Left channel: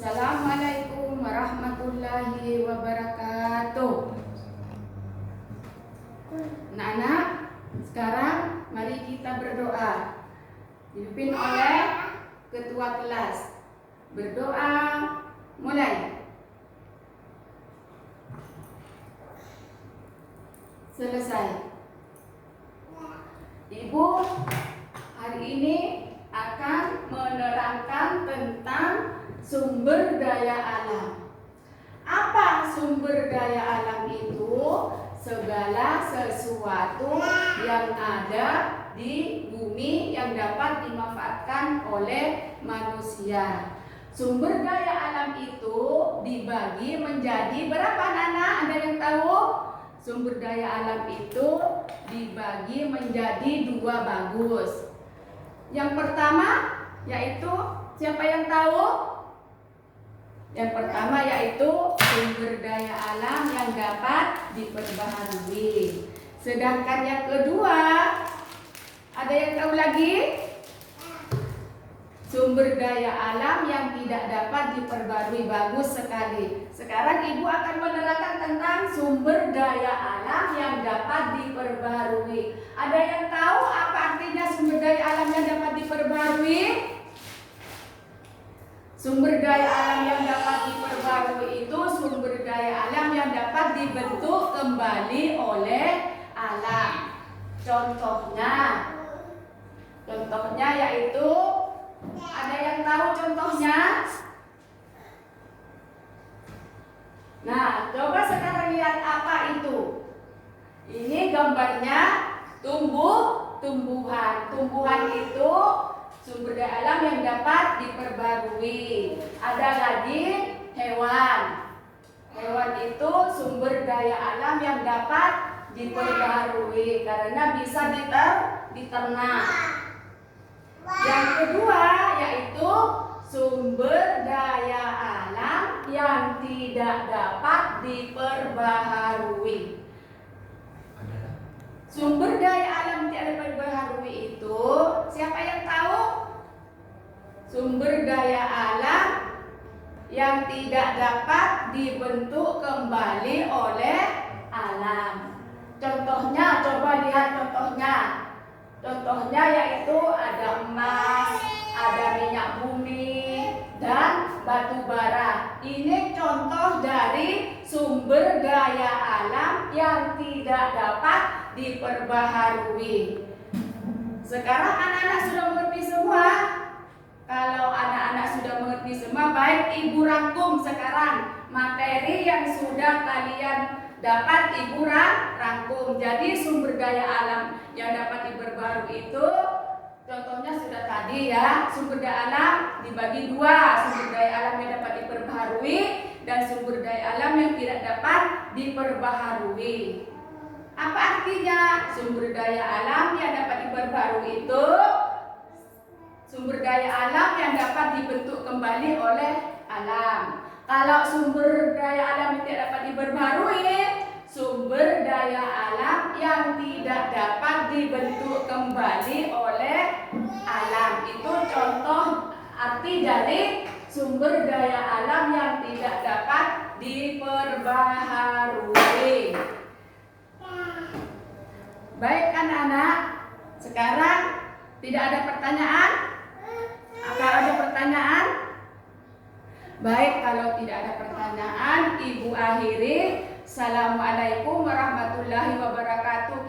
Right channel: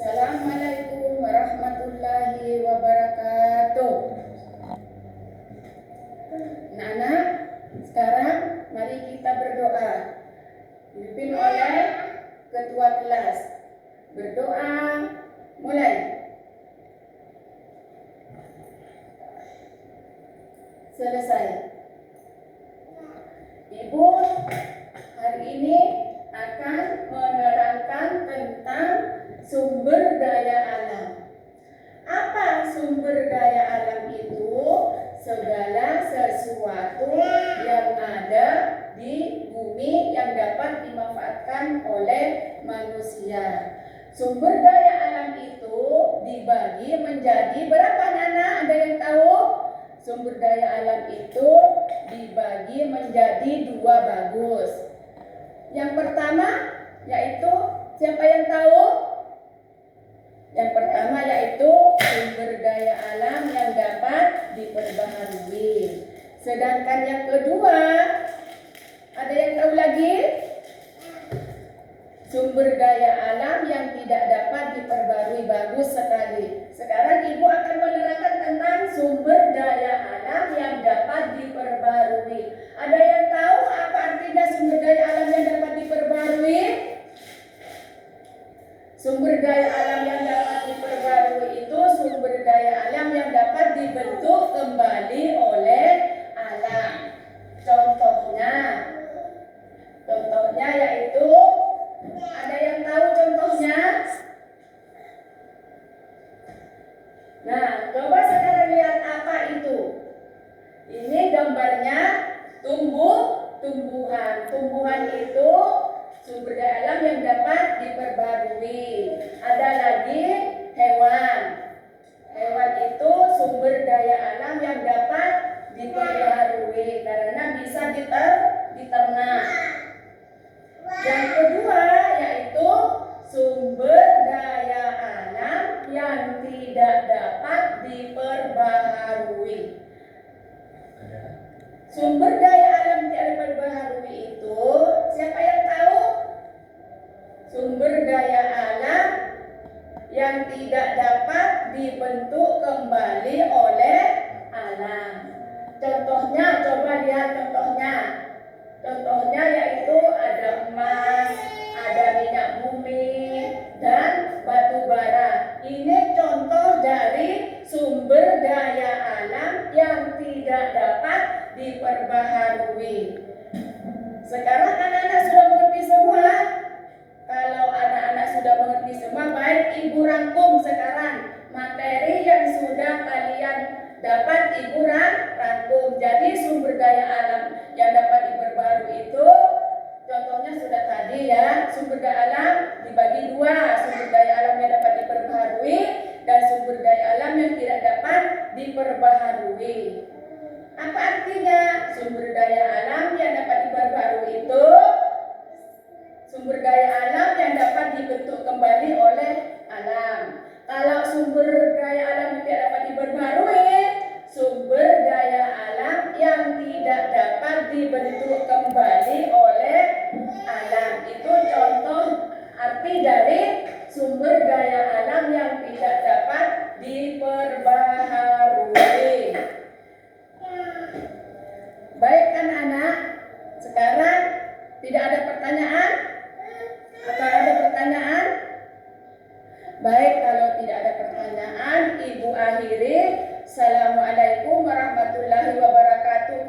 Assalamualaikum warahmatullahi wabarakatuh. Anak-anak, sekarang mari kita berdoa. Dipimpin oleh ketua kelas. Berdoa, mulai. Selesai. Ibu hari ini akan menerangkan tentang sumber daya alam. Apa sumber daya alam itu? Segala sesuatu yang ada di bumi yang dapat dimanfaatkan oleh manusia. Sumber daya alam itu dibagi menjadi berapa, Nana? Ada yang tahu? Sumber daya alam itu dibagi menjadi dua bagus. Yang pertama yaitu, siapa yang tahu? Yang pertama yaitu sumber daya alam yang dapat diperbaharui. Sedangkan yang kedua, ada yang tahu lagi? Sumber daya alam yang tidak dapat diperbarui. Bagus sekali. Sekarang Ibu akan menerangkan tentang sumber daya alam yang dapat diperbarui. Ada yang tahu apa artinya sumber daya alam yang dapat diperbarui? Sumber daya alam yang dapat diperbarui itu sumber daya alam yang dapat dibentuk kembali oleh alam. Contohnya yaitu, ada yang tahu contohnya? Nah, coba sekarang lihat apa itu. Ini gambarnya tumbuhan. Tumbuhan itu sumber daya alam yang dapat diperbarui. Ada lagi hewan. Hewan itu sumber daya alam yang dapat diperbarui karena bisa diternak. Yang kedua yaitu sumber daya alam yang tidak dapat diperbaharui. Sumber daya alam yang tidak diperbaharui itu, siapa yang tahu? Sumber daya alam yang tidak dapat dibentuk kembali oleh alam. Contohnya, coba lihat contohnya. Contohnya yaitu ada emas, ada minyak bumi, dan batu bara. Ini contoh dari sumber daya alam yang tidak dapat diperbaharui. Sekarang anak-anak sudah mengerti semua? Kalau anak-anak sudah mengerti semua, baik Ibu rangkum sekarang materi yang sudah kalian dapat Ibu rangkum. Jadi sumber daya alam yang dapat diperbarui itu contohnya sudah tadi ya. Sumber daya alam dibagi dua, sumber daya alam yang dapat diperbarui dan sumber daya alam yang tidak dapat diperbaharui. Apa artinya? Sumber daya alam yang dapat diperbarui itu sumber daya alam yang dapat dibentuk kembali oleh alam. Kalau sumber daya alam yang tidak dapat diperbarui, sumber daya alam yang tidak dapat dibentuk kembali oleh alam. Itu contoh arti dari sumber daya alam yang tidak dapat diperbaharui. Baik anak-anak, sekarang tidak ada pertanyaan? Apa ada pertanyaan? Baik, kalau tidak ada pertanyaan, Ibu akhiri. Assalamualaikum warahmatullahi wabarakatuh.